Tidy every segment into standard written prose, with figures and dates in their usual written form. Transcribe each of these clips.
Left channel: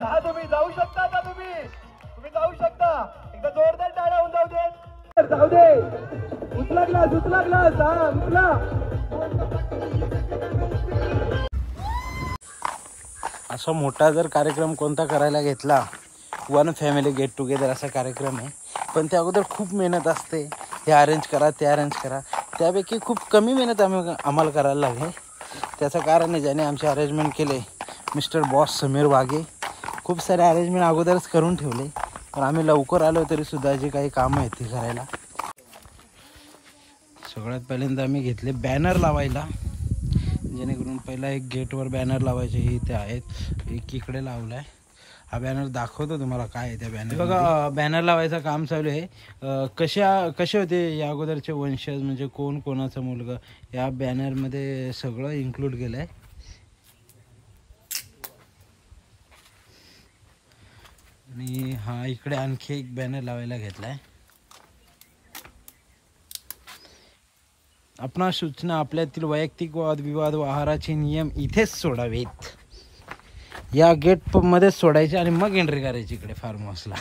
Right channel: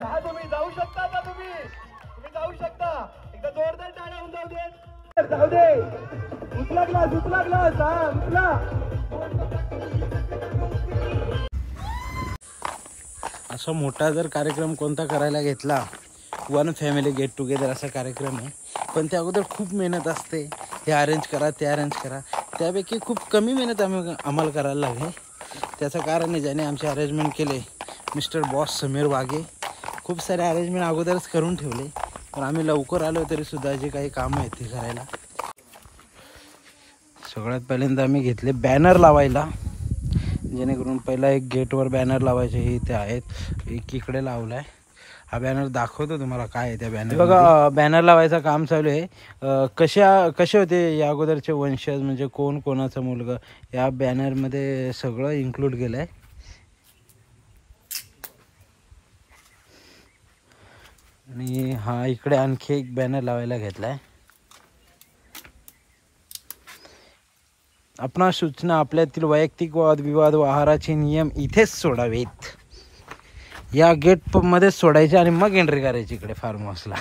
तुम्ही जाऊ शकता का? तुम्ही जाऊ शकता. एकदा जोरदार टाळ्या होऊन जाऊ दे. जाऊ दे. उचला ग्लास उचला. असा मोठा जर कार्यक्रम कोणता करायला घेतला, वन फॅमिली गेट टुगेदर असा कार्यक्रम आहे, पण त्या अगोदर खूप मेहनत असते. हे अरेंज करा, ते अरेंज करा. त्यापैकी खूप कमी मेहनत आम्हाला करायला लागली. त्याचं कारण आहे ज्याने आमचे अरेंजमेंट केले मिस्टर बॉस समीर वाघे. खूप सारे अरेंजमेंट अगोदरच करून ठेवले, पण आम्ही लवकर आलो तरीसुद्धा जे काही कामं आहेत ते करायला. सगळ्यात पहिल्यांदा आम्ही घेतले बॅनर लावायला, जेणेकरून पहिला एक गेटवर बॅनर लावायचे. हे इथे आहेत, एक इकडे लावला आहे. हा बॅनर दाखवतो तुम्हाला काय आहे त्या बॅनर. बघा बॅनर लावायचं काम चालू आहे. कसे होते या अगोदरचे वंशज, म्हणजे कोण कोणाचा मुलगा, या बॅनरमध्ये सगळं इन्क्लूड केलं आहे. आणि हा इकडे आणखी एक बॅनर लावायला घेतला आहे. आपणा सूचना, आपल्यातील वैयक्तिक वादविवाद व आहाराचे नियम इथेच सोडावेत. या गेट मध्येच सोडायचे आणि मग एंट्री करायची इकडे फार्म हाऊसला.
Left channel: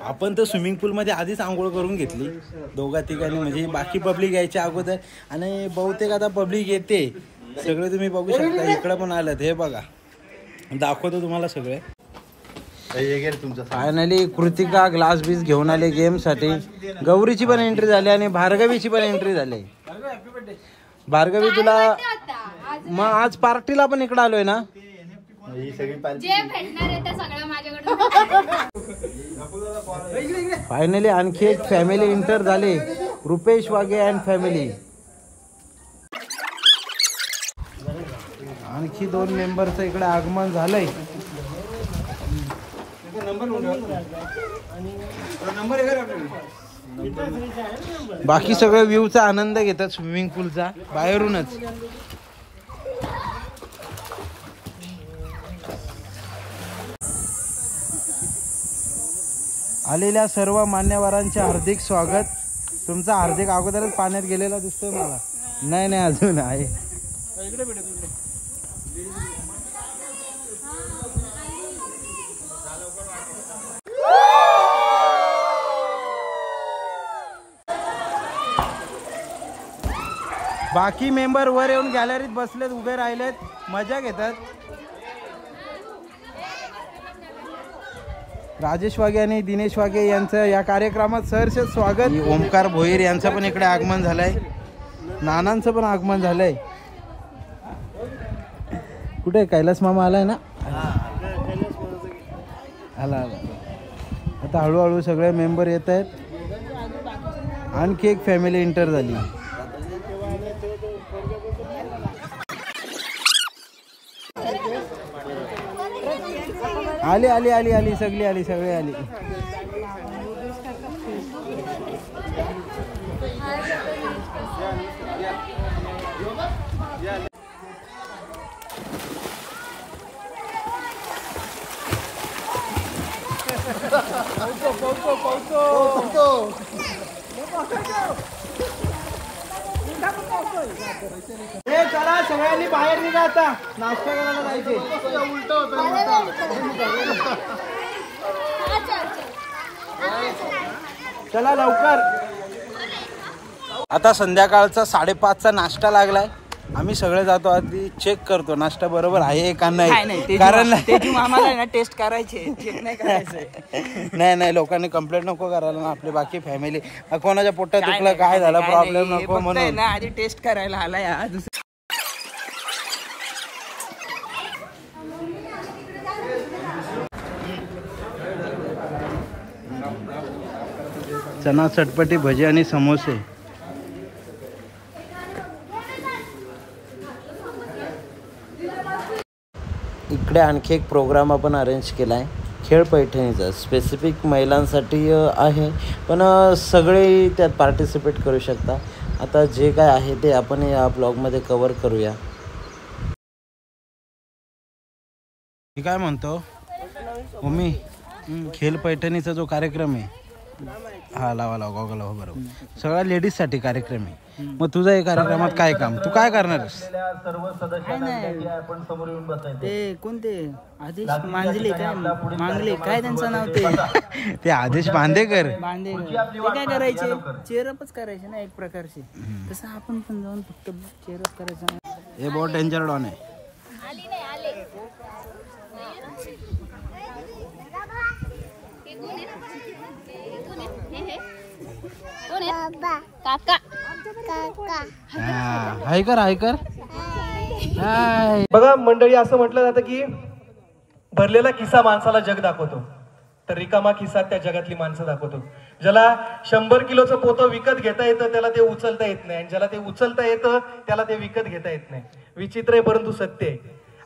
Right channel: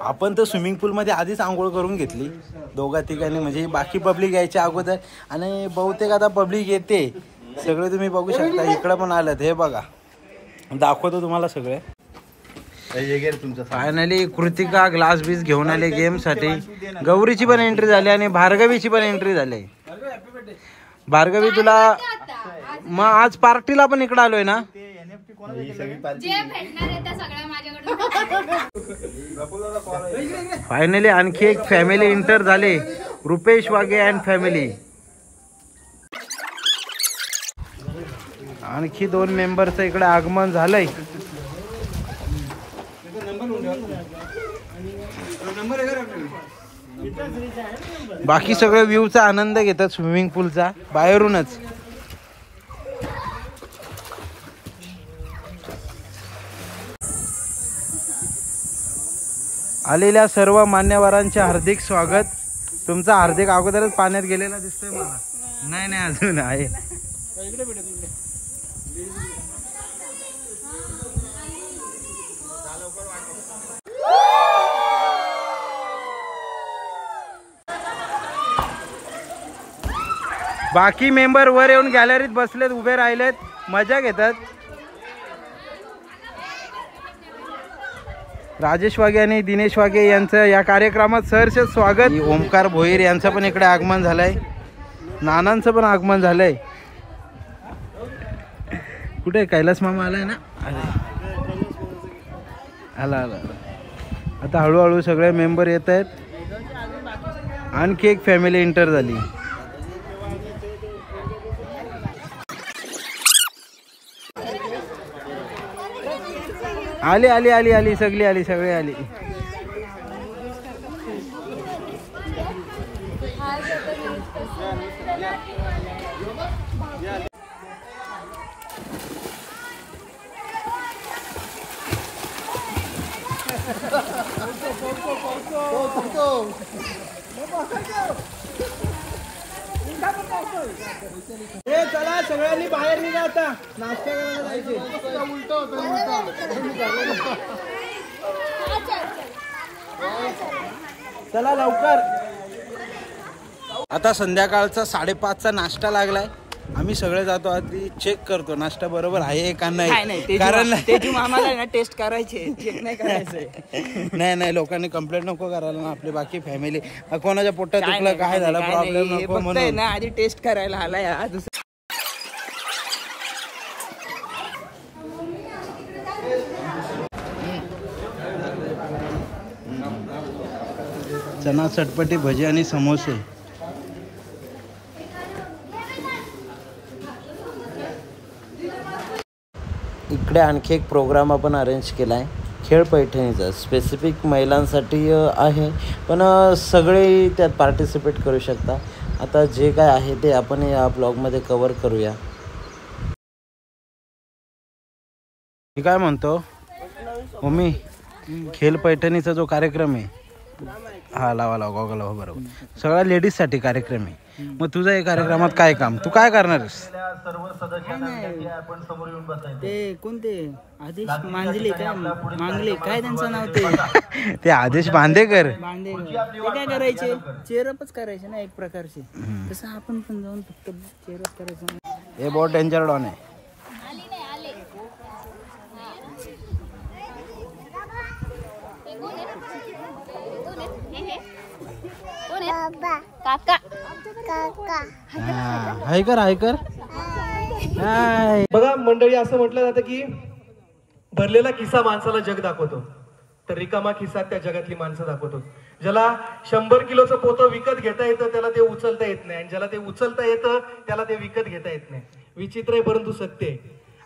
आपण तर स्विमिंग पूलमध्ये आधीच आंघोळ करून घेतली दोघा तिघांनी, म्हणजे बाकी पब्लिक यायच्या अगोदर. आणि बहुतेक आता पब्लिक येते सगळे, तुम्ही बघू शकता. इकडं पण आलं, हे बघा दाखवतो तुम्हाला सगळे. फायनली कृतिका ग्लास बीस घेऊन आले गेमसाठी. गौरीची पण एंट्री झाली आणि भार्गवीची पण एंट्री झाली. भार्गवी तुला मग आज पार्टीला पण इकडे आलोय ना. फायनली आणखी एक फॅमिली एंटर झाले, रुपेश वाघे अँड फॅमिली. आणखी 2 मेंबरचं इकडे आगमन झालंय. बाकी सगळे व्ह्यूचा आनंद घेतात स्विमिंग पूलचा बाहेरूनच. आलेल्या सर्व मान्यवरांचे हार्दिक स्वागत. तुमचा हार्दिक अगोदरच पाण्यात गेलेला दिसतोय मला. नाही अजून आहे. बाकी मेंबर वर येऊन गॅलरीत बसलेत, उभे राहिलेत, मजा घेतात. राजेश वाघे आणि दिनेश वाघे यांचं या कार्यक्रमात सहर्ष स्वागत. ओमकार भोईर यांचं पण इकडे आगमन झालंय. नानांचं पण आगमन झालंय. कुठे कैलास मामा आलाय ना. आला. आता हळूहळू सगळे मेंबर येत आहेत. आणखी एक फॅमिली एंटर झाली. आली सगळी आली. चला सगळ्यांनी बाहेर निघा, आता नाश्ता करायला जायचे. चला लवकर. आता संध्याकाळचा 5:30चा नाश्ता लागलाय. आम्ही सगळे जातो, आधी चेक करतो नाश्ता बरोबर आहे का नाही. कारण आम्हाला टेस्ट करायचे, नाही लोकांनी कंप्लेंट नको करायला ना. आपली बाकी फॅमिली कोणाच्या पोटात दुखलं, काय झालं, प्रॉब्लेम नको म्हणून आधी टेस्ट करायला आलाय. चना चटपटी, भजी आणि समोसे. इकडे आणखी एक प्रोग्राम आपण अरेंज केला आहे, खेळ पैठणीचा. स्पेसिफिक महिलांसाठी आहे, पण सगळे त्यात पार्टिसिपेट करू शकता. आता जे काय आहे ते आपण या ब्लॉगमध्ये कव्हर करूया. मी काय म्हणतो मम्मी, खेळ पैठणीचा जो कार्यक्रम आहे, हा लावा गॉगल लावा, बरोबर. सगळ्या लेडीजसाठी कार्यक्रम आहे. मग तुझं या कार्यक्रमात काय काम, तू काय करणार आहेस? काय नाही ते कोणते आदेश मांजले काय मांगले काय त्यांचं नाव ते ते आदेश बांदेकर. ते काय करायचे, चेअरअपच करायचे ना एक प्रकारचे. तसं आपण पण जाऊन फक्त चेअरअप करायचं. हे बहुत डेंजर डॉन आहे. काका हाय कर हाय कर. बघा मंडळी, असं म्हटलं जातं की भरलेला खिसा माणसाला जग दाखवतो, तर रिकामा खिसा त्या जगातली माणसं दाखवतो. ज्याला 100 किलोचं पोतं विकत घेता येतं त्याला ते उचलता येत नाही, आणि ज्याला ते उचलता येतं त्याला ते विकत घेता येत नाही. विचित्र आहे परंतु सत्य आहे.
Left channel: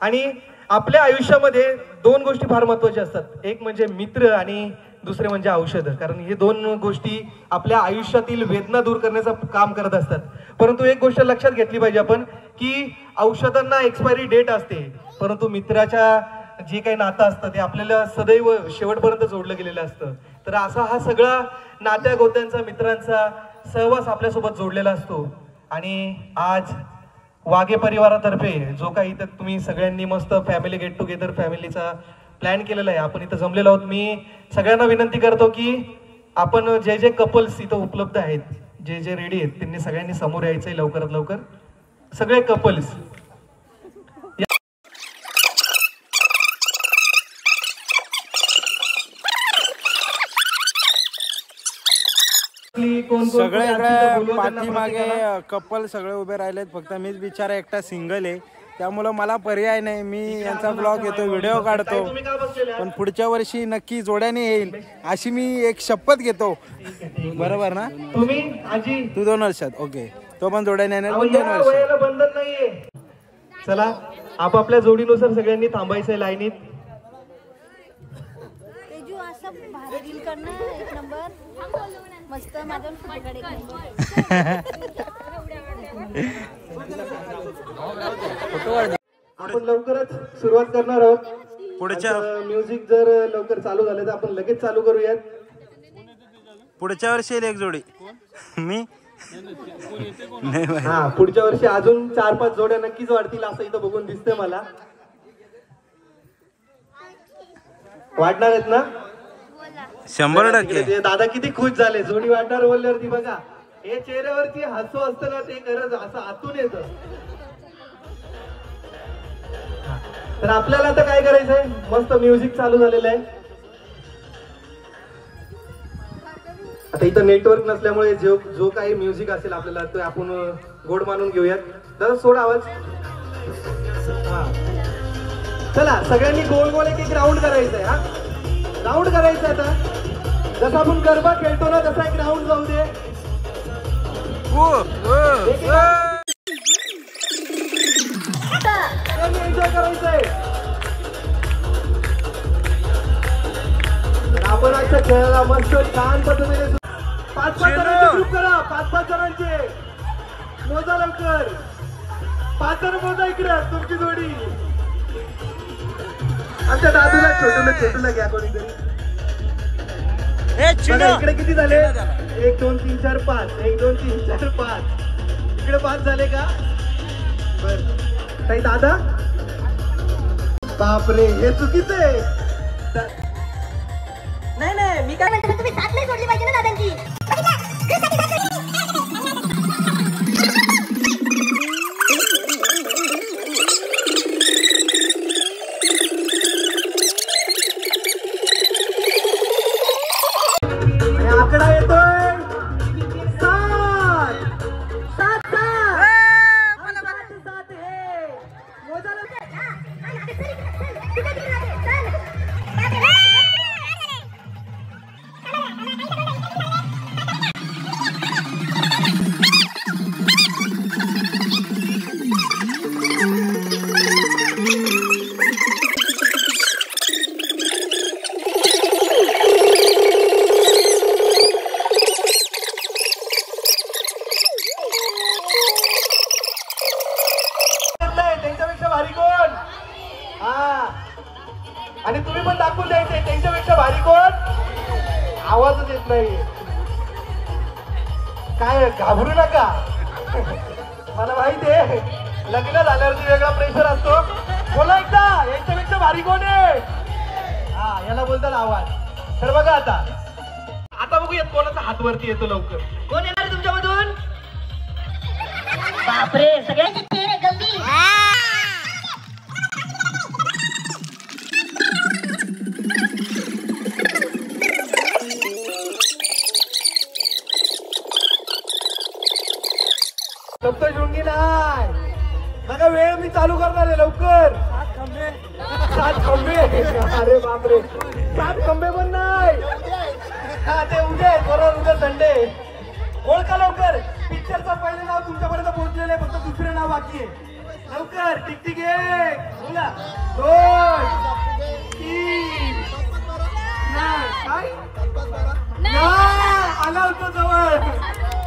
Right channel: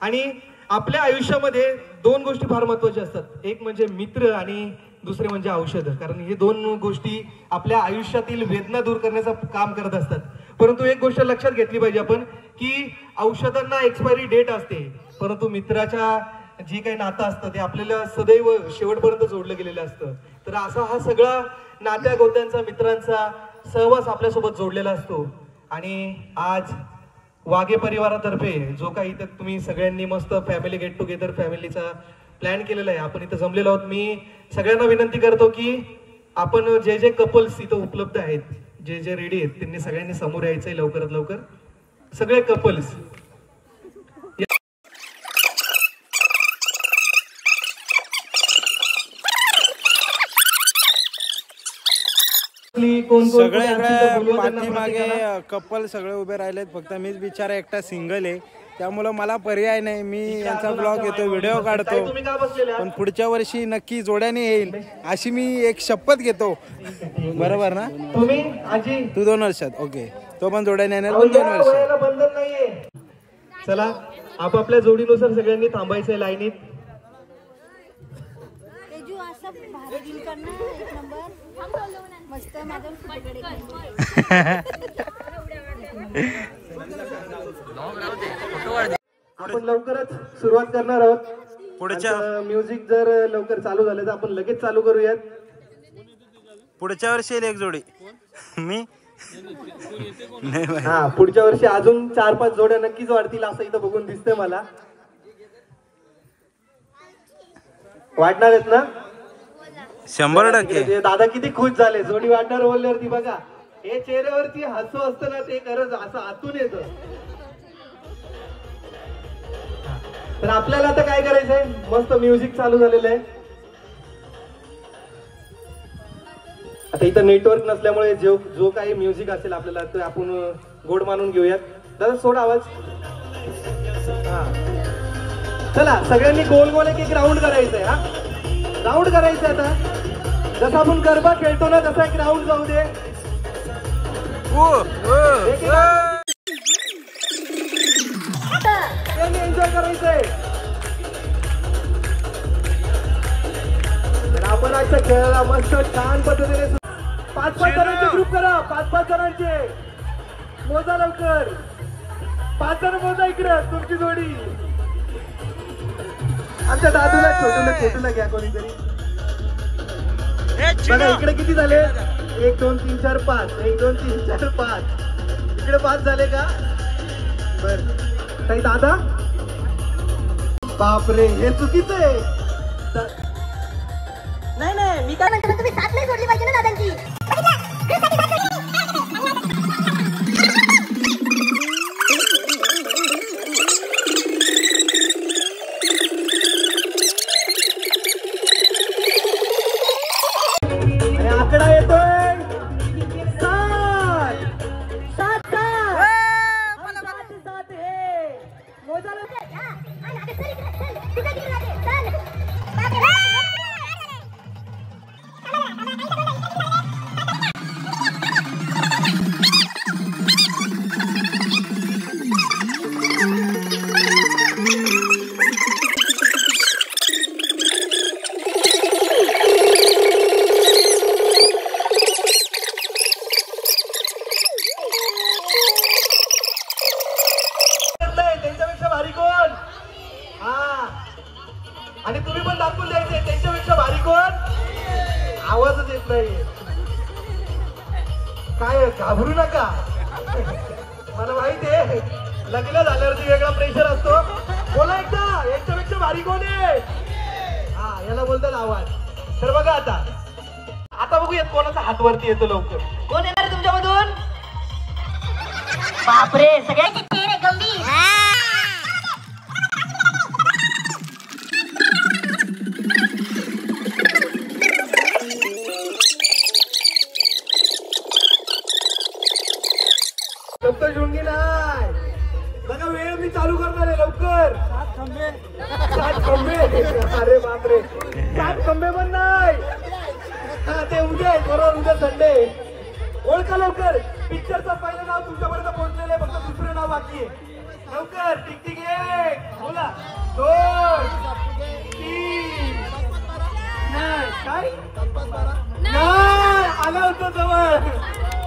आणि आपल्या आयुष्यामध्ये 2 गोष्टी फार महत्वाच्या असतात, एक म्हणजे मित्र आणि दुसरे म्हणजे औषधं. कारण हे 2 गोष्टी आपल्या आयुष्यातील वेदना दूर करण्याचं काम करत असतात. परंतु एक गोष्ट लक्षात घेतली पाहिजे आपण की औषधांना एक्सपायरी डेट असते, परंतु मित्राच्या जे काही नातं असतं ते आपल्याला सदैव शेवटपर्यंत जोडलं गेलेलं असतं. तर असा हा सगळा नात्या गोत्यांचा मित्रांचा सहवास आपल्यासोबत जोडलेला असतो. आणि आज वाघे परिवारातर्फे जो काही इथं तुम्ही सगळ्यांनी मस्त फॅमिली गेट टुगेदर फॅमिलीचा प्लॅन केलेला आहे, आपण इथं जमलेलो आहोत. मी सगळ्यांना विनंती करतो की आपण जे जे कपल्स इथं उपलब्ध आहेत, जे जे रेडी आहेत, त्यांनी सगळ्यांनी समोर यायचंय लवकरात लवकर. सगळे कपल्स सगळे इकडे पाठीमागे कपल सगळे उभे राहिलेत, फक्त मीच बिचारा एकटा सिंगल आहे. त्यामुळं मला पर्याय नाही, मी यांचा ब्लॉग येतो, व्हिडिओ काढतो. पण पुढच्या वर्षी नक्की जोड्याने येईल अशी मी एक शपथ घेतो. बरोबर ना? तू 2 वर्षात ओके, तो पण जोड्याने येणार, पण 2 वर्षात. बंधन नाहीये. चला आपापल्या जोडीनुसार सगळ्यांनी थांबायचंय लाईनीत. तेजू असं भारी डील करणार एक नंबर मस्त माझ्या फोटोकडे आपण लवकरच सुरुवात करणार आहोत. पुढच्या म्युझिक जर लवकर चालू झालं तर आपण लगेच चालू करूयात. पुढच्या वर्षी येईल एक जोडी. मी नाही, हा पुढच्या वर्षी अजून 4-5 जोड्या नक्कीच वाढतील असं इथं बघून दिसतंय मला. वाढणार आहेत ना? 100%. दादा किती खुश झाले जोडी वाढणार बोलल्यावरती. बघा हे चेहऱ्यावरती हसू असतं ना, ते खरंच असं आतून येतं. तर आपल्याला आता काय करायचंय, मस्त म्युझिक चालू झालेलं आहे. आता इथं नेटवर्क नसल्यामुळे जो काही म्युझिक असेल आपल्याला ते आपण गोड मानून घेऊयात. जरा सोड आवाज. चला सगळ्यांनी गोल गोल एक राऊंड करायचंय. हा राऊंड करायचं. आता जसं आपण गरबा खेळतो ना तसा एक राऊंड जाऊ दे. एन्जॉय करायचंय. आपण आजच्या खेळाला मस्त छान पद्धतीने 5-5 जणांचे ग्रुप करा. 5-5 जणांचे मोजा लवकर. 5 जण मोजा इकडे तुमची जोडी. आमच्या दादूला छोटूला घ्या कोणीतरी. इकडे किती झाले? 1 2 3 4 5. 1 2 3 4 5. इकडे 5 झाले का? बर काही दादा. बापरे हे चुकीचं आहे. नाही मी काय म्हणतो, तुम्ही साथ नाही सोडली पाहिजे ना दादांची. आकडा येतोय 7 हे मोजायला. त्यांच्यापेक्षा भारी कोण? हा आणि तुम्ही पण दाखवून द्यायचे त्यांच्यापेक्षा भारी कोण. आवाजच येत नाही. काय घाबरू नका. मला माहिती आहे लग्न झाल्यावरती वेगळा प्रेशर असतो. बोला एकदा, याच्यापेक्षा भारी कोण आहे? हा, याला बोलतात आवाज. तर बघा आता बघूयात कोणाचा हात वरती येतो लवकर. कोण येणार आहे तुमच्यामधून? बापरे, सगळ्यांची चेहरे गंभीर. सप्तशृंगी नाही बघा, वेळ मी चालू करणार आहे लवकर. 7 खंबे. अरे बापरे, 7 खंबे पण नाही. हा, ते उद्या आहे, बरोबर, उद्या संडे. ओळखा लवकर. पिक्चरचं पहिलं नाव तुमच्यापर्यंत पोहोचलेलं आहे, फक्त दुसरं नाव बाकी आहे. लवकर. टिक 1 बोला, 2 3 काय आलं होतं जवळ.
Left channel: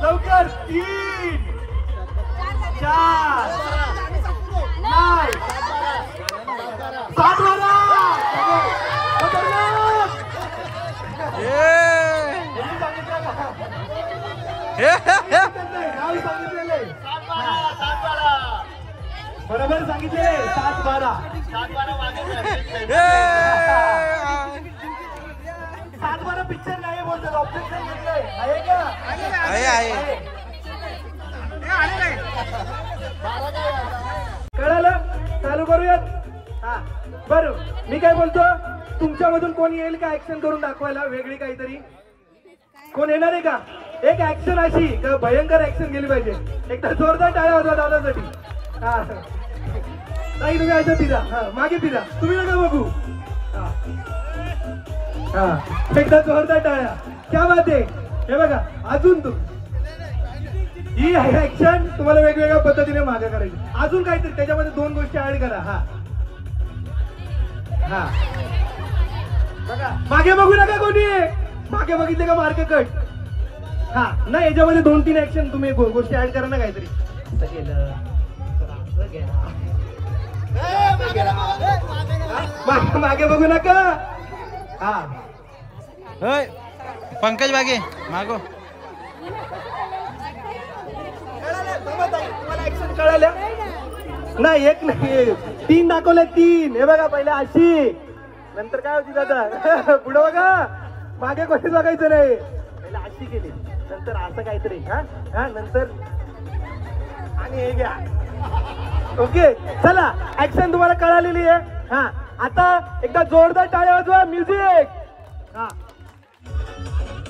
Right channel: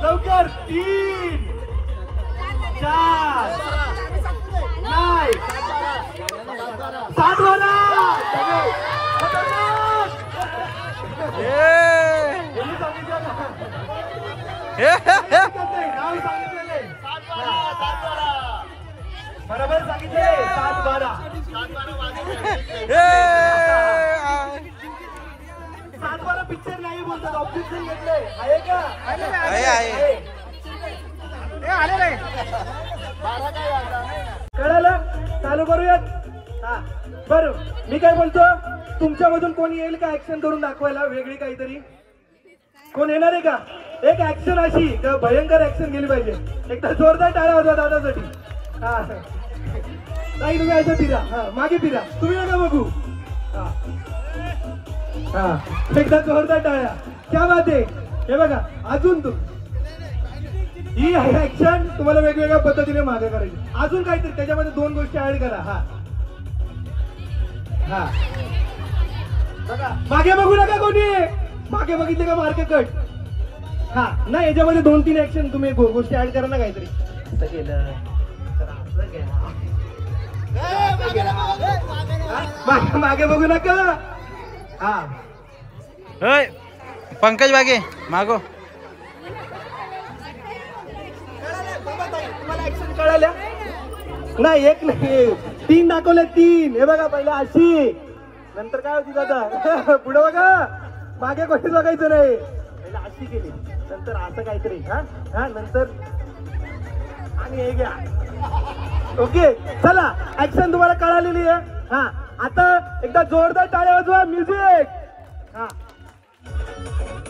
लवकर. 3 4 नाही 7 वाला. बरोबर सांगितले. 7-12 7-12 पिक्चर नाही बोलतात. ऑब्जेक्शन घेतलंय. आहे का? आहे. कळालं? चालू करूयात. हा, बरं, मी काय बोलतो, तुमच्यामधून कोण येईल का ऍक्शन करून दाखवायला वेगळी काहीतरी? कोण येणार आहे का? एक ऍक्शन अशी भयंकर ऍक्शन गेली पाहिजे. एकदा जोरदार टाळ्या वाजवा दादासाठी. हा, नाही तुम्ही असं फिरा. हा, मागे फिरा. तुम्ही नका बघू. हा, एकदा जोरदार टाळ्या. क्या बात आहे. हे बघा, अजून तू ही ऍक्शन तुम्हाला वेगवेगळ्या पद्धतीने मागे करायची. अजून काहीतरी त्याच्यामध्ये 2 गोष्टी ऍड करा. हा हा, मागे बघू नका कोणी. मागे बघितले का मार्क कट. हा, नाही, याच्यामध्ये 2-3 ऍक्शन तुम्ही गोष्टी ऍड करा ना काहीतरी. मागे बघू नका. हा, पंकज बागे मागो. तुम्हाला ऍक्शन कळाल्या? नाही, एक नाही, 3 दाखवले. 3. हे बघा, पहिला अशी, नंतर काय होती दादा पुढे बघा. मागे कोणीच बघायचं नाही. पहिला अशी केली, नंतर असं काहीतरी. हा हा, नंतर आणि हे घ्या. ओके, चला, ऍक्शन तुम्हाला कळालेली आहे. हा, आता एकदा जोरदार टाळ्या वाजवा. म्युझिक. हा,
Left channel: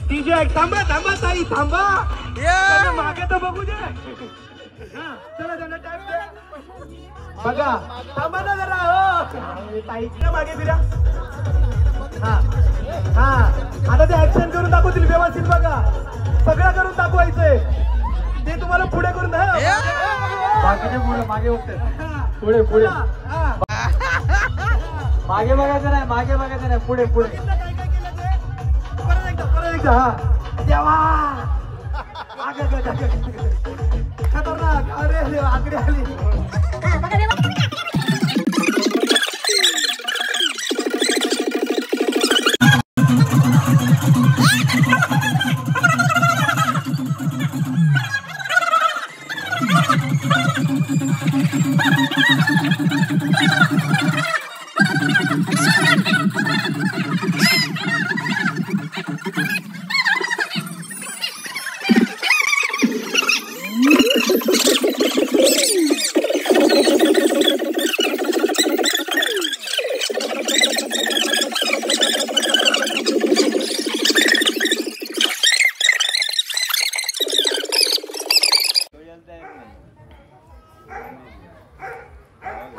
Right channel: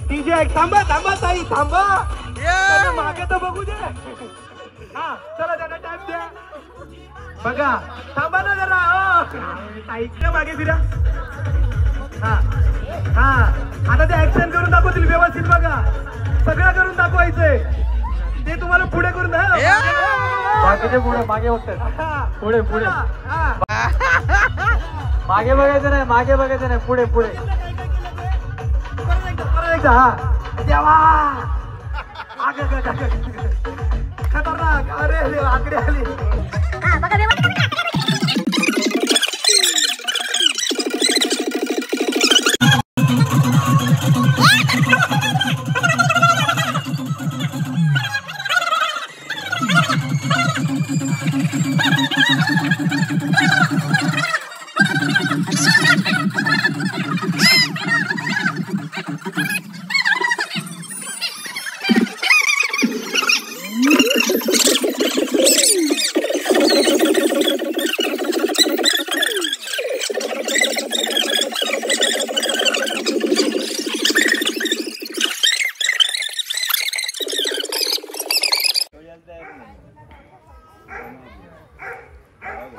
डीजे. थांबा ताई, थांबा. मागे तर बघू दे. हा, चला, त्यांना टाइम द्या. बघा, थांबा ना जरा. हो, ताईच्या मागे फिरा. हा हा, आता ते ऍक्शन करून दाखवतील व्यवस्थित. बघा, सगळं करून दाखवायचंय. ते तुम्हाला पुढे करून बाकीचे पुढे मागे बघतात. पुढे मागे बघायचं नाही. मागे बघायचं नाही. पुढे परत एकदा. हा, देवा, खतरनाक. अरे आकडे आली.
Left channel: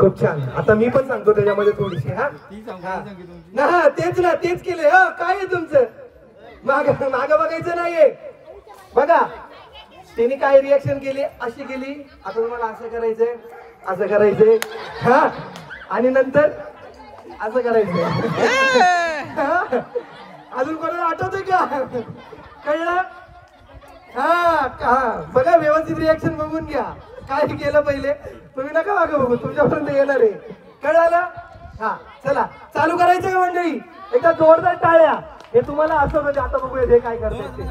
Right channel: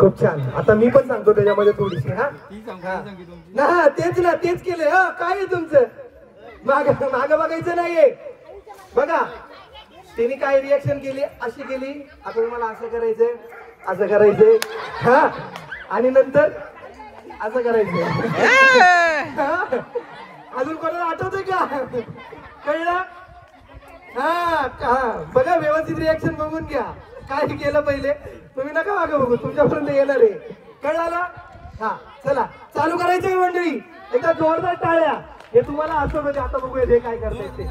खूप छान. आता मी पण सांगतो त्याच्यामध्ये थोडीशी. हा, तेच केले. काय आहे तुमचं? माग बघायचं नाहीये. बघा, त्यांनी काय रिॲक्शन केली, अशी केली. आता तुम्हाला असं करायचंय, असं करायचंय. हा, आणि नंतर असं करायचंय. अजून कोणाला आठवतंय का? कळलं? हा, बघा, व्यवस्थित रिॲक्शन बघून घ्या. काय केलं पहिले, तुम्ही नका मागे बघू, तुमच्यापर्यंत येणार आहे. कळालं? हा, चला, चालू करायचं का मंडळी? एकदा जोरदार टाळ्या. हे तुम्हाला असं म्हणजे आता बघूया हे काय करतायत ते.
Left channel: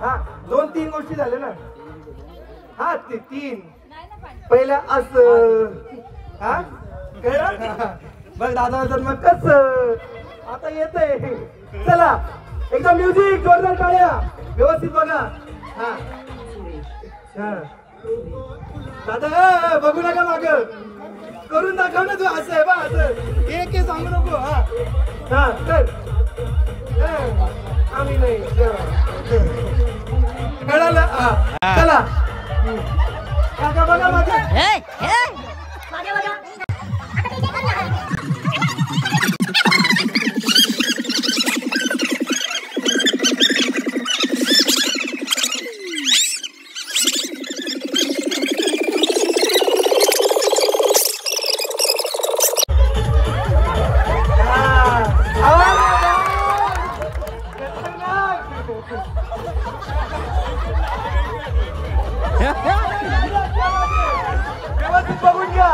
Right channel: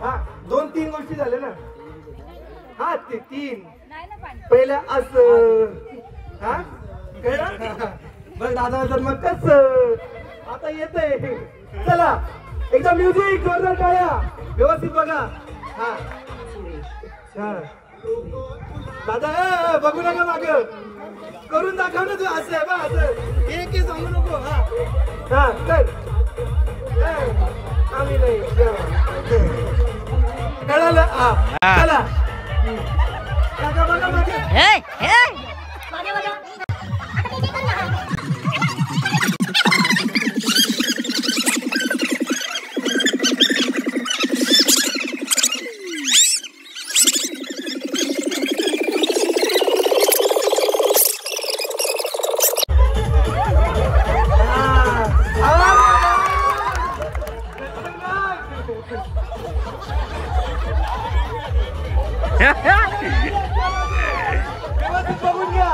हा, 2-3 गोष्टी झाल्या ना. हा ते 3 पहिल्या असं हा कळलं बघ दादा तर मग कस आता येतंय चला एकदम म्युझिक जोरदार टाळ्या व्यवस्थित बघा हा हा दादा बघू नका माग करून दाखव ना तू असं आहे बा असं एक सांगू नको हा हा कर आम्ही नाही कळालं हा चला काका बघा मागे व्यवस्थित बघून घ्या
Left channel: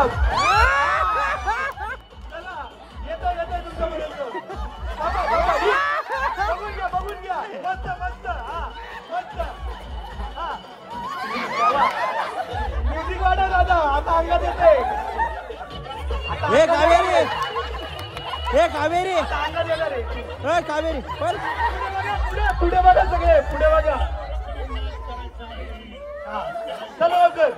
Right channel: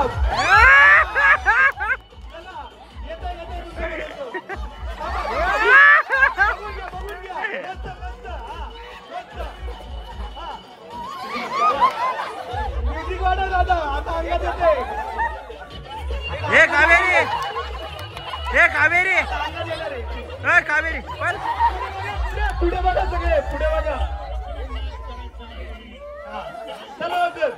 बघून घ्या मस्त मस्त हा मस्त हा म्युझिक वाढव दादा आता अंगात येते हे कावेरी हे कावेरी अंगात येणार आहे हे कावेरी पण पुढे बघा सगळे पुढे बघा चला लवकर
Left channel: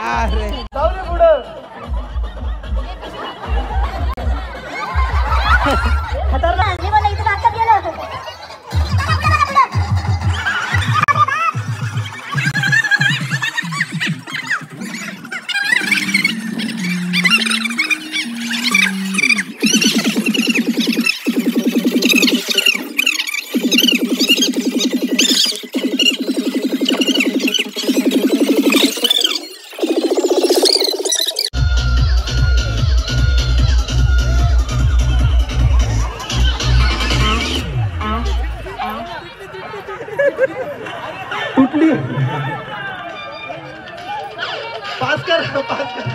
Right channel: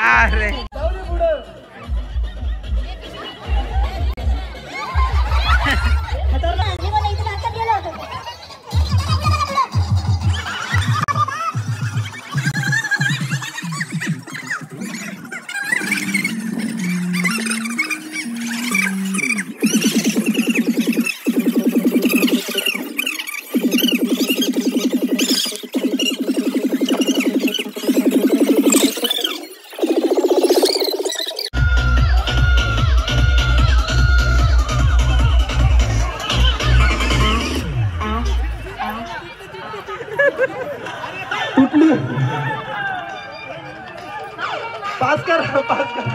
अरे जाऊ दे पुढं कुठली पास कर पास कर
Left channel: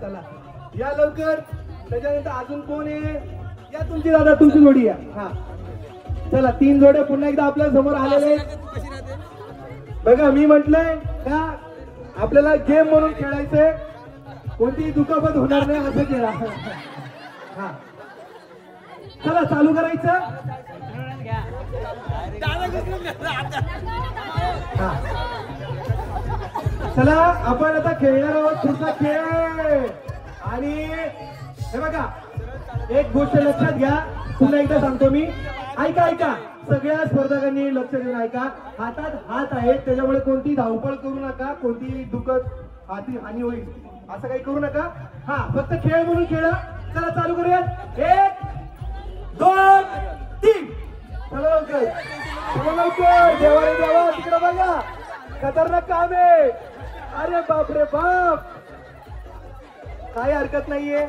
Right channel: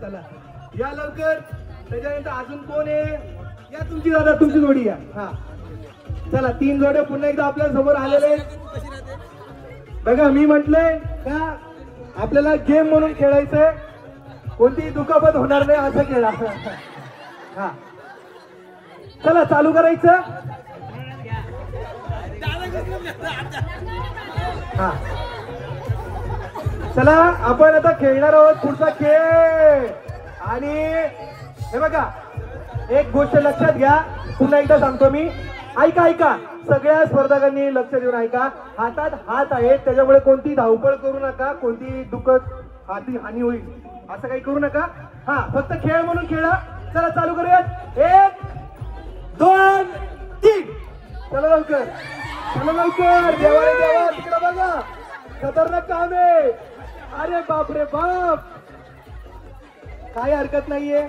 चला या लवकर त्याच्यानंतर अजून कोण आहे या तुमची दादा तुमची जोडी या हा चला 3 जोड्या पुन्हा एकदा आपल्या समोर आलेले बघा मी म्हटलंय का आपल्याला गेम म्हणून खेळायचंय कोणतीही दुखापत होणार नाही असं खेळा हा चला चालू करायचं हा चला आपण आता खेळणार आहोत पुढचा खेळ आणि हे बघा एक गोष्ट लक्षात घ्या पुन्हा एकदा सांगतो मी ऐका ऐका सगळ्या स्पर्धकांनी लक्ष देऊन ऐका हातात हात आहेत त्याच्यामुळे कोणती धावपळ करू नका कोणती दुखत हानी होईल असं काही करू नका हा फक्त खेळ म्हणून खेळा चला चालू करूयात 1 2 3 चला लवकर चला लवकर बघा खतरनाक काम आहे अरे बाप रे बाप काही हरकत नाहीये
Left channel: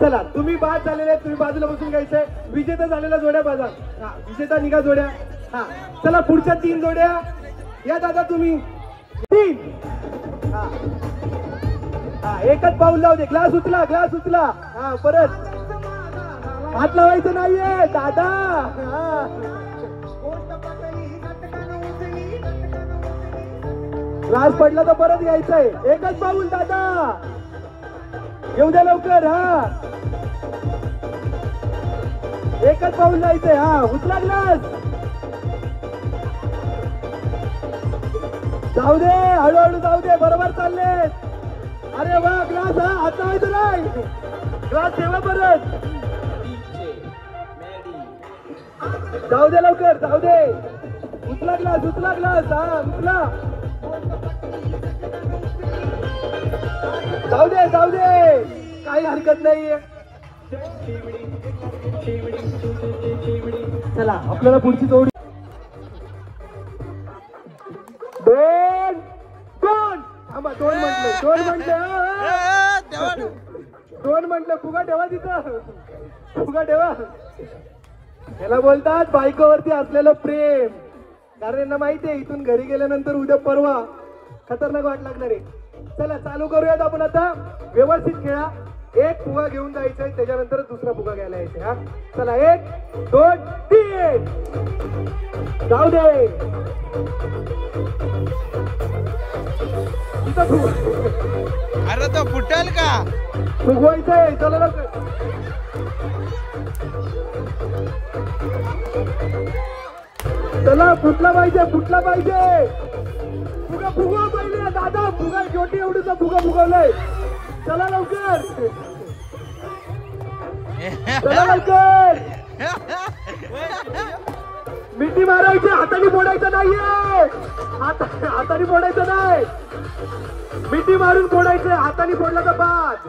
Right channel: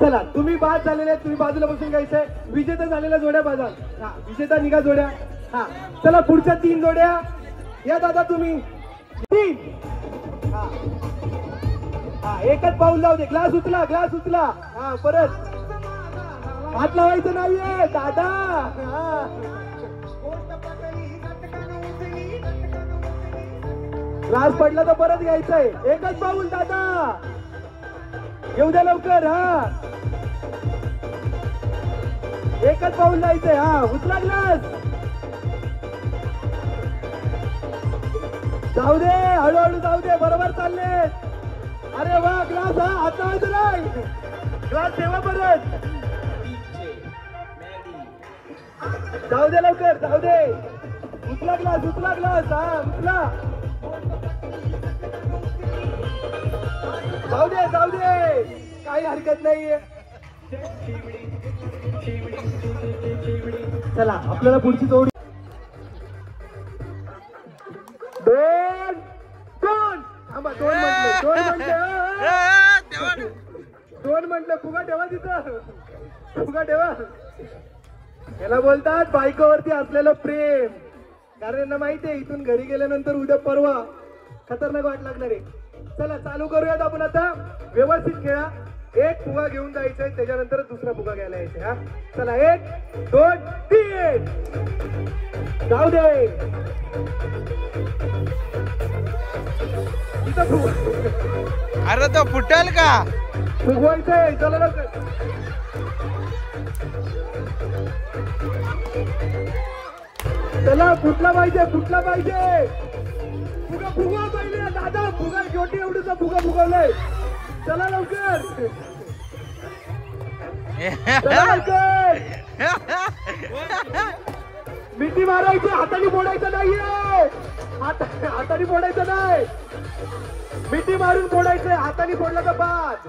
चला तुम्ही बाद झालेले तुम्ही बाजूला बसून घ्यायचंय विजेता झालेल्या जोड्या बाजा हा विजेता निघा जोड्या हा चला पुढच्या 3 जोड्या या दादा तुम्ही 3 हा एकच पाऊल लावू दे ग्लास उचला हा परत हात लावायचं नाहीये दादा हा ग्लास पडला तर परत घ्यायचंय एकच पाऊल दादा येऊ द्या लवकर हा एकच पाऊल जायचंय हा उचला ग्लास जाऊ दे हळूहळू जाऊ दे बरोबर चालले अरे वा ग्लास हा हात लावायचं नाही ग्लास ठेवा परत जाऊ दे लवकर जाऊ दे उचला ग्लास हा उचला जाऊ दे काही हरकत नाहीये चला आपल्याला पुढची जोडी 2 थांबा 2 म्हटलं कोण म्हटलं फुगा ठेवा तिथं, फुगा ठेवा. याला बोलतात बायकोवरती असलेलं प्रेम. कारण यांना माहितीये इथून घरी गेल्यानंतर उद्या परवा खतरनाक वाट लागणार आहे. चला चालू करूयात आपण आता. व्यवस्थित खेळा. एक फुगा घेऊन जायचंय, त्याच्यानंतर दुसरा फुगा घ्यायला यायचंय. हा चला 1 2 3 जाऊ दे. इथं फुगा. अरे तो फुटेल का? फुगवायचंय. चला लवकर. चला फुटला पाहिजे, फुटला पाहिजे. फुगा फुगवा पाहिजे दादा. फुगा छोटी एवढीचा फुगा फुगवलाय. चला लवकर. चला लवकर. मिठी मारायची, हाताने फोडायचं नाहीये. हाताने फोडायचं नाही, मिठी मारून फोडायचं. हाताने फोडला तर बाद.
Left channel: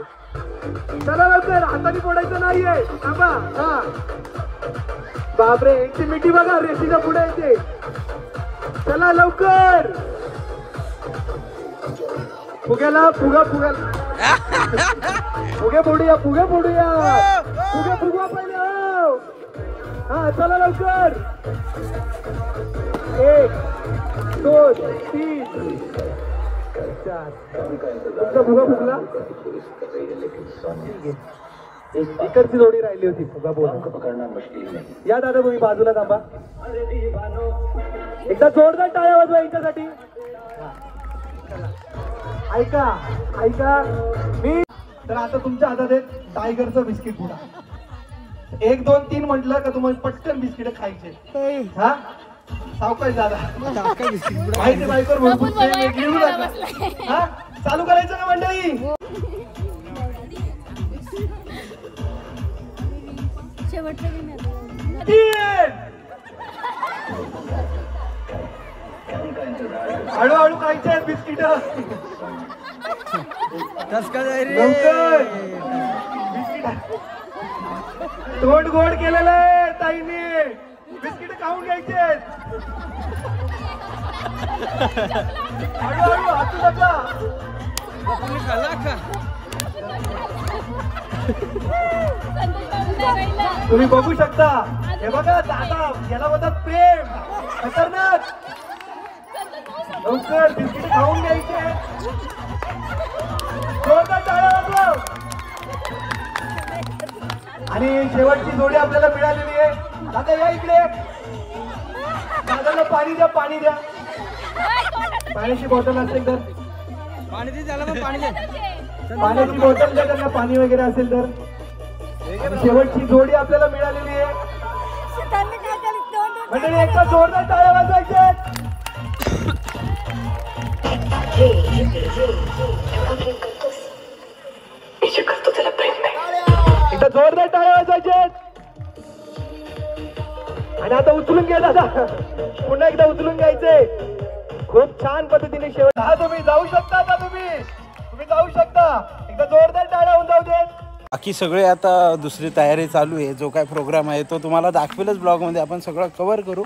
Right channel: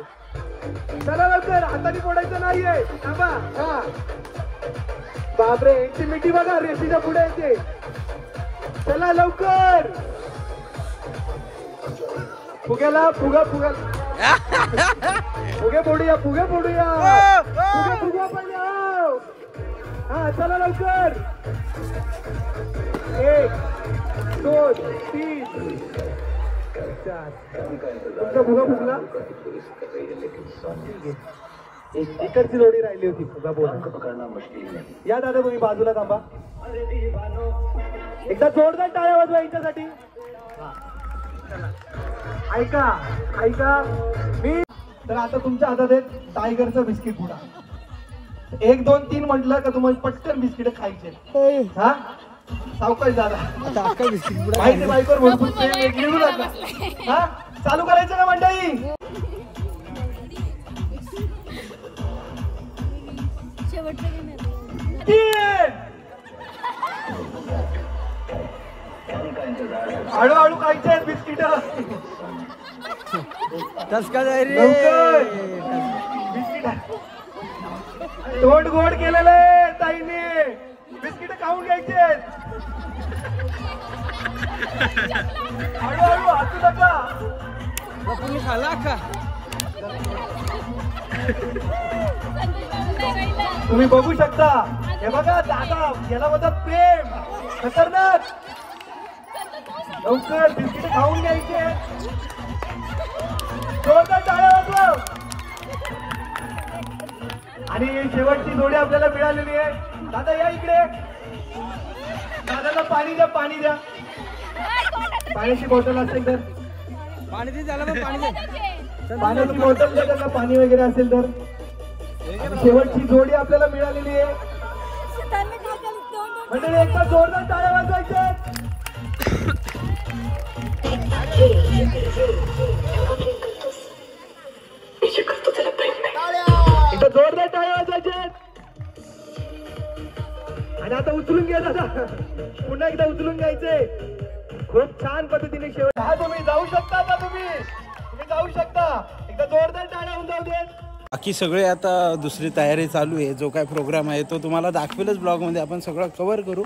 चला लवकर. हाताने फोडायचं नाहीये. थांबा. हा बापरे, एकटी मिठी बघा रेशीच्या पुढे येते. चला लवकर. फुग्याला फुगा फुगा फुगे फोडूया, फुगे फोडूया. फुगे फुगवा पहिले. हा चला लवकर. 1 2 3 4. तुमचा फुगा फुगला. इकडची जोडी राहिली होती फुगा बोला. या दादा तुम्ही बाजूला थांबा. एकदा जोरदार टाळ्या वाजवा यांच्यासाठी. ऐका ऐका मी तर आता तुमच्या हातात आहे टायगरचं बिस्किट पुडा. 1 2 3 म्हटलं का तुम्हाला पटकन बिस्किट खायचे. हा सावकाश दादा. माहिती बायकोवर भरपूर प्रेम घेऊ नका. हा चालू करायचं ना मंडळी. हळूहळू खायचे आहेत बिस्किट. लवकर. बिस्किट तोंड गोड केलेलं आहे ताईने. बिस्किट खाऊन घ्यायचे. हळूहळू हातू नका. तुम्ही बघू शकता. हे बघा दादा याला होता प्रेम खतरनाक. लवकर बिस्किट खाऊन घ्यायचे. जोरदार टाळ्या वाजवा. आणि शेवटची जोडी आपल्याला मिळालेली आहे. दादा या इकडे. दादाला पाणी द्या, पाणी द्या. पाण्याची बॉटल असेल तर पाणी दे त्याला. पाणी दे. पाण्याची बॉटल द्या त्यांना, पाणी वगैरे असेल तर. शेवटची जोडी आपल्याला मिळालेली आहे. म्हणजे एकदा जोरदार टाळ्या वाजवायचे. एकदा जोरदार टाळ्या वाजवायचे. आणि आता उचलून घ्या दादा. पुन्हा एकदा उचलून घ्यायचंय. खूप छान पद्धतीने शेवट. हा तुम्ही जाऊ शकता. आता तुम्ही जाऊ शकता. एकदा जोरदार टाळ्या होऊन जाऊ देत. बाकी सगळे आता दुसरी तयारी चालू आहे. जो काय प्रोग्राम आहे तो तुम्हाला दाखवेलच ब्लॉगमध्ये. आपण सगळं कव्हर करू.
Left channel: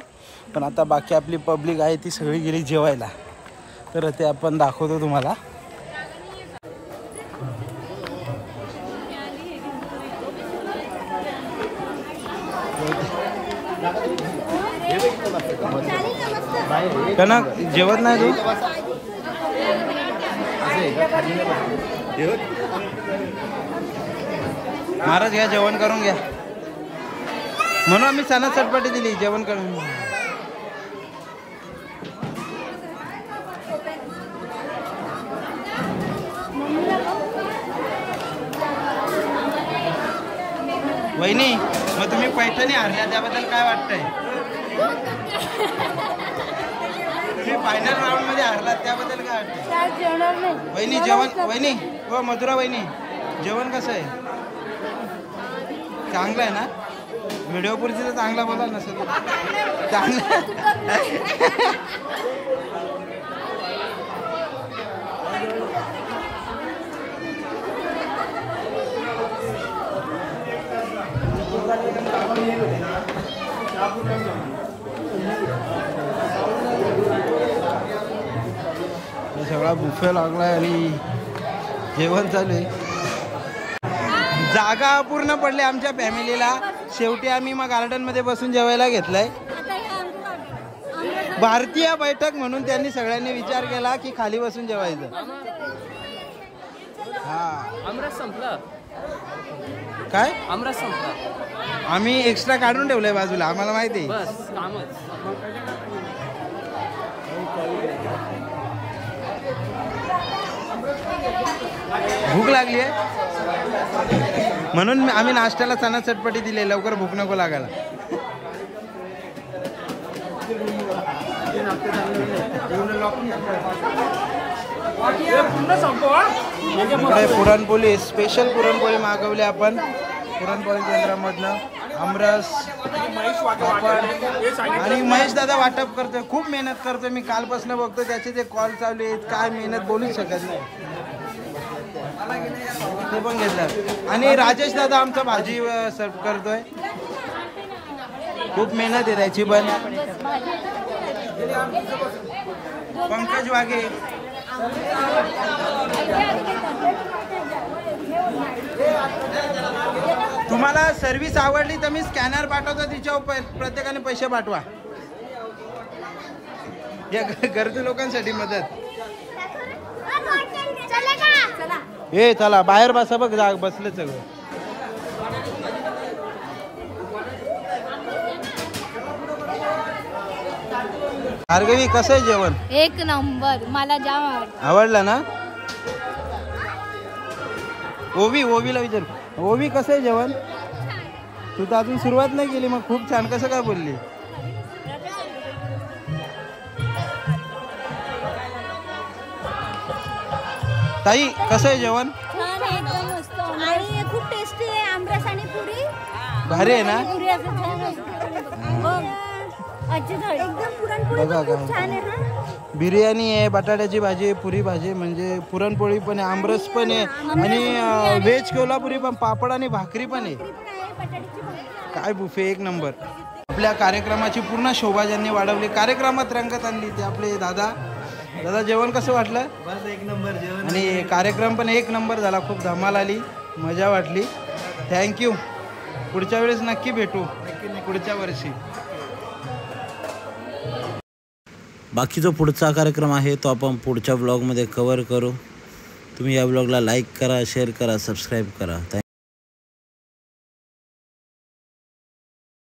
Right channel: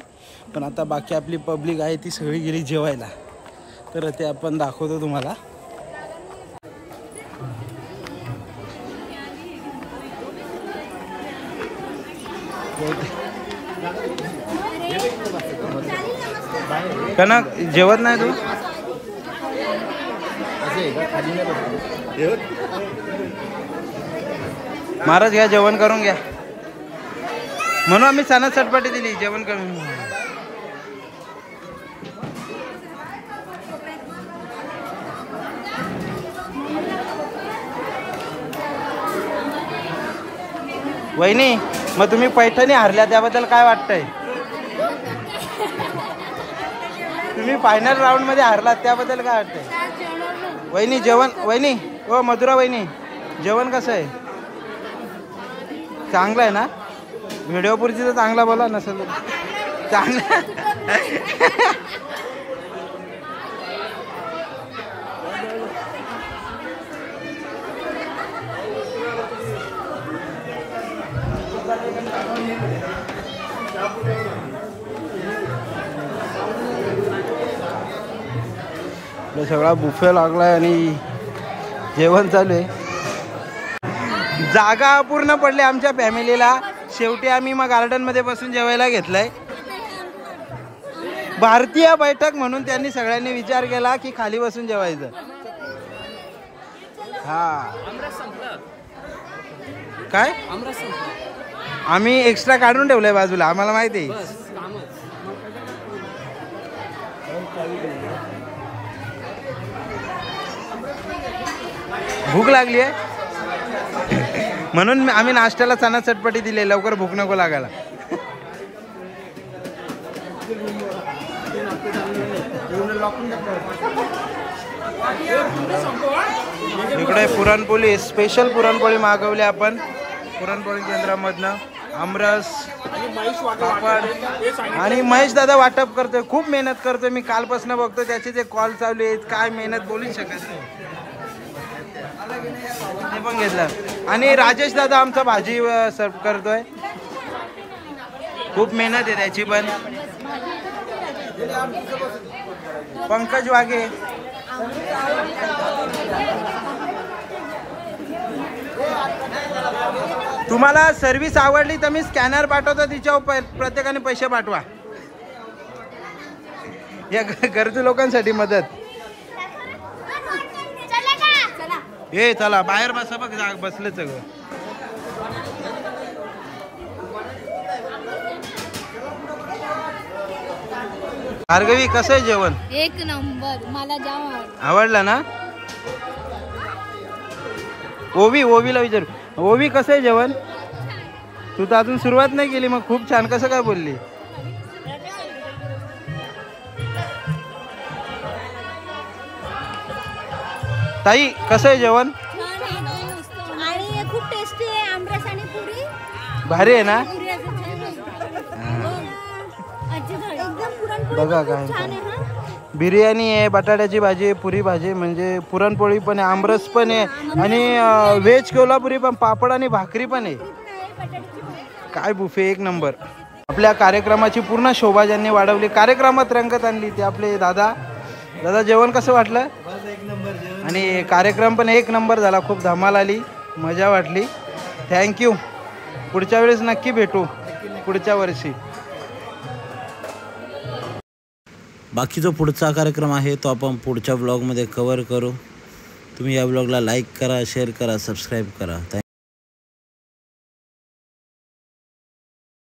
पण आता बाकी आपली पब्लिक आहे ती सगळी गेली जेवायला. तर ते आपण दाखवतो तुम्हाला. कनक जेवत नाही तू? महाराज घ्या, जेवण करून घ्या. म्हणून आम्ही चणा चटपटी दिली. जेवण करून. वहिनी मग तुम्ही पैठणी हारल्या त्याबद्दल काय वाटतंय? तुम्ही फायनल राऊंड मध्ये हारलात त्याबद्दल काय वाटतंय? वहिनी जेवण. वहिनी हो मधुरा वहिनी जेवण कसं आहे? चांगलं आहे ना? व्हिडिओ पुरती तर चांगला बोला. नसेल चांगलं. सगळा बुफे लागलाय आणि जेवण चालू आहे. जागा अपूर्ण पडली आमच्या फॅमिलीला. शेवटी आम्ही मग गार्डन मध्ये बसून जेवायला घेतलंय. भारतीय बैठक म्हणून त्यांनी सगळ्यांनी विचार केला की खाली बसून जेवायचं. हा काय आम्ही एक्स्ट्रा काढून ठेवलंय बाजूला, आम्हाला माहिती आहे. भूक लागली आहे म्हणून आम्ही नाश्त्याला चणा चटपटी दिली, लवकर भूक नको लागायला. इकडे पुरणपोळी, स्पेशल पुरणपोळी मागवली आपण पुरणपोळी केंद्रामधनं. आमरस, पापड आणि महेश दादा वाटप करतोय, खूप मेहनत करतोय. मी कालपासून बघतो त्याचे जे कॉल चालू आहेत, काय मेहनत बोलूच शकत नाही. ते पण घेतलं. आणि राजेश दादा आमचा भाजी सर्व करतोय, खूप मेहनत आहे त्याची पण. पंकज वाघे, तुम्हाला सर्व्हिस आवडली तर मी स्कॅनर पाठवतो, तिच्यावर प्रत्येकाने पैसे पाठवा. या गरजू लोकांसाठी मदत. ए चला बाहेर बसा, बघ बसले सगळं. भार्गवी कसं आहे जेवण? एक नंबर, मला जाम आवडला ना. ओवीला विचार, ओवी कसं आहे जेवण? तू तर अजून सुरुवात नाही केली, मग खूप छान कसं काय बोलली? ताई कसं आहे जेवण? आणि खूप टेस्टी आहे. आमरस आणि पुरी भारी आहे ना. बघा काय बिर्याणी आहे, बटाट्याची भाजी आहे, पुरी भाजी म्हणजे पुरणपोळी पण आहे, आमरस पण आहे आणि व्हेज कोल्हापुरी पण, पापड आणि भाकरी पण आहे. काय बुफे, एक नंबर. आपल्या कार्यक्रमाची पूर्ण शोभा ज्यांनी वाढवली, कार्यक्रमात रंगत आणली, ते आपले दादा. जेवण कसं वाटलं? बस एक नंबर जेवण. आणि कार्यक्रम पण एक नंबर झाला, खूप धमाल आली, मजा वाटली. थँक्यू. पुढच्या वेळेस नक्की भेटू, पुढच्या वर्षी. बाकी जो पुढचा कार्यक्रम आहे तो आपण पुढच्या ब्लॉगमध्ये कव्हर करू. तुम्ही या ब्लॉगला लाईक करा, शेअर करा, सबस्क्राईब करा.